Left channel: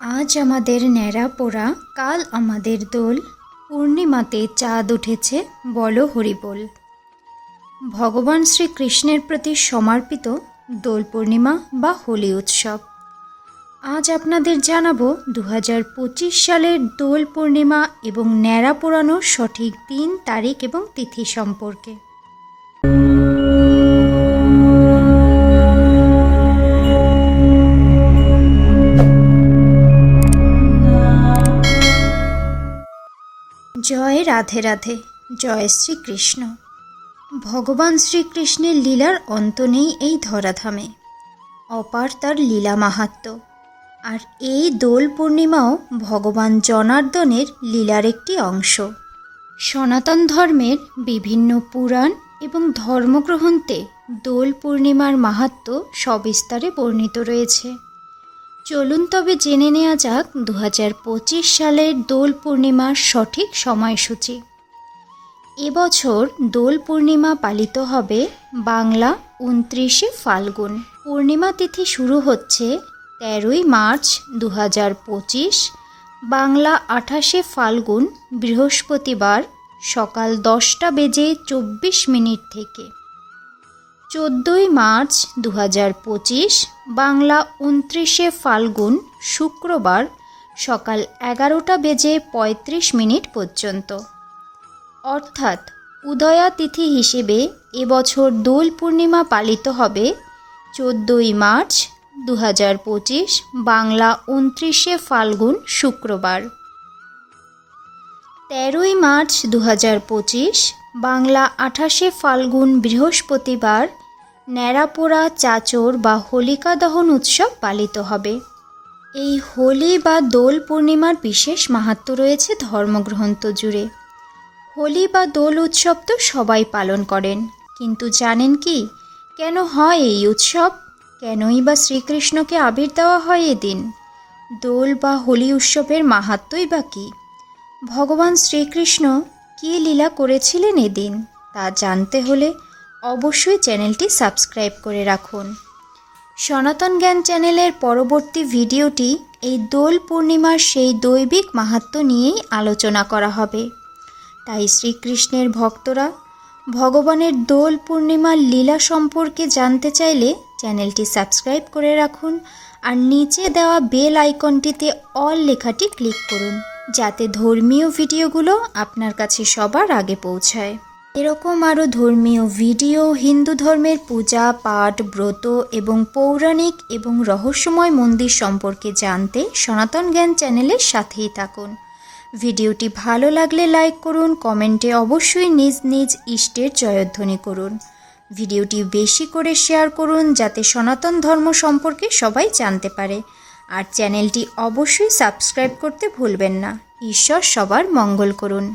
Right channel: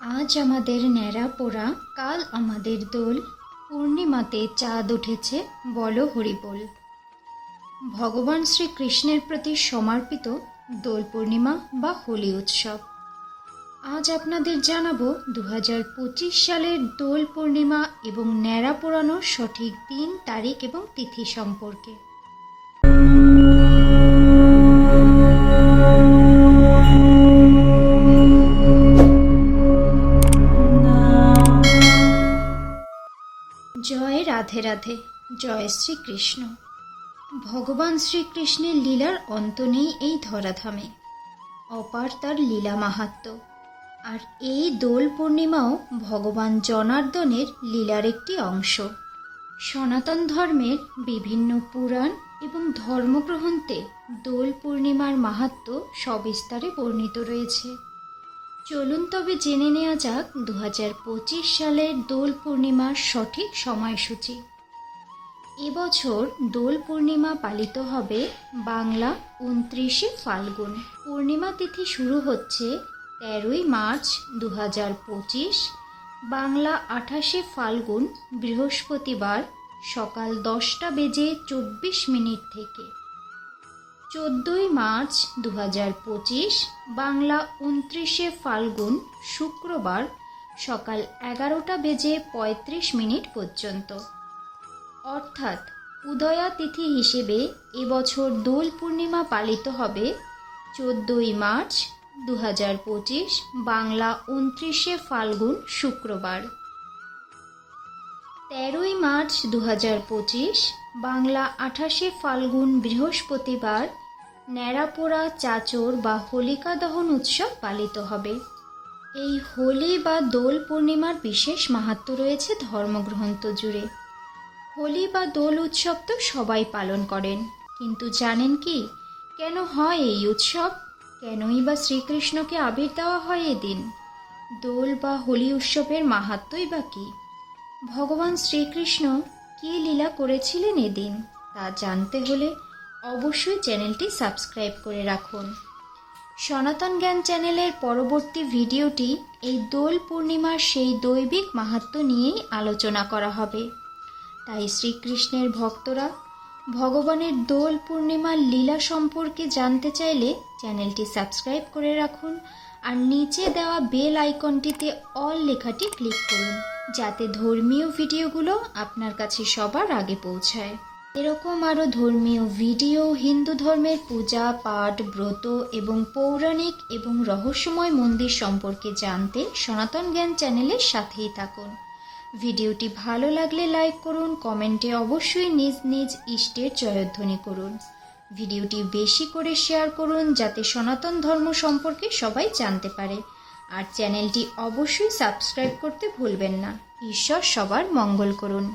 আজ আমাদের ন্যাড়া পোড়া, কাল আমাদের দোল। পূর্ণিমাতে চাঁদ উঠেছে, বলো হরিবোল। ভগবান শ্রীকৃষ্ণের প্রতি সমর্পিত দোল পূর্ণিমা বা হোলি উৎসব। আজ আপনাদের জানাব দু হাজার পঁচিশ সালের দোল পূর্ণিমা এবং ন্যাড়া পোড়ানোর সঠিক দিন, তারিখ এবং তিথি সম্পর্কে। জয় রাধে রাধে, জয় শ্রীকৃষ্ণ। ভগবান শ্রীকৃষ্ণের লীলার অন্ত নেই এই ধরাধামে। অপার তার লীলা মাহাত্ম্য আর এই দোল পূর্ণিমাও ভগবান জনার্দনের লীলার একটি অংশ। সনাতন ধর্মের বিভিন্ন পুরাণ এবং ধর্মগ্রন্থে দোল পূর্ণিমার মাহাত্ম্য সবিস্তারে বর্ণিত রয়েছে। চলুন তবে জেনে নেওয়া যাক দু হাজার পঁচিশ সালের দোল পূর্ণিমার সঠিক সময়সূচি। এবছর দোল পূর্ণিমা পালিত হবে বাংলা উনত্রিশে ফাল্গুন। পূর্ণিমা তিথি শুরু হচ্ছে তেরোই মার্চ দু হাজার পঁচিশ, বাংলা আঠাশে ফাল্গুন বৃহস্পতিবার সকাল দশটা বেজে চব্বিশ মিনিট থেকে। চোদ্দোই মার্চ দু পঁচিশ, বাংলা উনত্রিশে ফাল্গুন শুক্রবার সকাল এগারোটা বেজে পঁয়ত্রিশ মিনিট পর্যন্ত। অর্থাৎ উদয়া তিথি হিসেবে এবছর দোল পূর্ণিমা পালিত হবে চোদ্দোই মার্চ দু পঁচিশ, বাংলা উনত্রিশে ফাল্গুন শুক্রবার। তেরোই মার্চ দু পঁচিশ, বাংলা আঠাশে ফাল্গুন বৃহস্পতিবার ন্যাড়াপোড়া, চাচর বা হোলিকা দহন উৎসব পালিত হবে। এই হোলি বা দোল পূর্ণিমার বিশেষ মাহাত্ম রয়েছে ধর্মগ্রন্থ জুড়ে। হোলি বা দোল উৎসব তো সবাই পালন করেন। কিন্তু জানেন কি, কেন হয় এই উৎসব? কেনই বা শ্রীকৃষ্ণকে আবির দেওয়া হয় এদিন দোল বা হোলি উৎসবের মাহাত্মই বা কী? ভগবান শ্রীকৃষ্ণ কী লীলা করেছিলেন এদিন তা জানতে হলে অবশ্যই চ্যানেলটি সাবস্ক্রাইব করে রাখুন। সনাতন জ্ঞান চ্যানেলের পরবর্তী ভিডিওটি এই দোল পূর্ণিমার সেই দৈবিক মাহাত্ম্য নিয়েই আলোচনা করা হবে। তাই শ্রীকৃষ্ণের ভক্তরা ভগবানের দোল পূর্ণিমার লীলা সম্পর্কে জানতে চাইলে চ্যানেলটি সাবস্ক্রাইব করে রাখুন আর নিচে দেওয়া বেল আইকনটিতে অল লেখাটি ক্লিক করুন, যাতে ধর্মীয় ভিডিওগুলো আপনার কাছে সবার আগে পৌঁছায়। এরকম আরও ধর্মীয় ভিডিও, হিন্দু ধর্মের পূজা, পাঠ, ব্রত এবং পৌরাণিক এবং রহস্যময় মন্দির সম্পর্কে জানতে সনাতন জ্ঞান চ্যানেলের সাথেই থাকুন। ভিডিওটি ভালো লাগলে লাইক করুন, কমেন্টে অবশ্যই নিজ নিজ ইষ্টের জয়ধ্বনি করুন। ভিডিওটি বেশি করে শেয়ার করুন যাতে সনাতন ধর্ম সম্পর্কে সবাই জানতে পারে। আর চ্যানেলটি অবশ্যই সাবস্ক্রাইব করতে ভুলবেন না। ঈশ্বর সবার মঙ্গল করুন।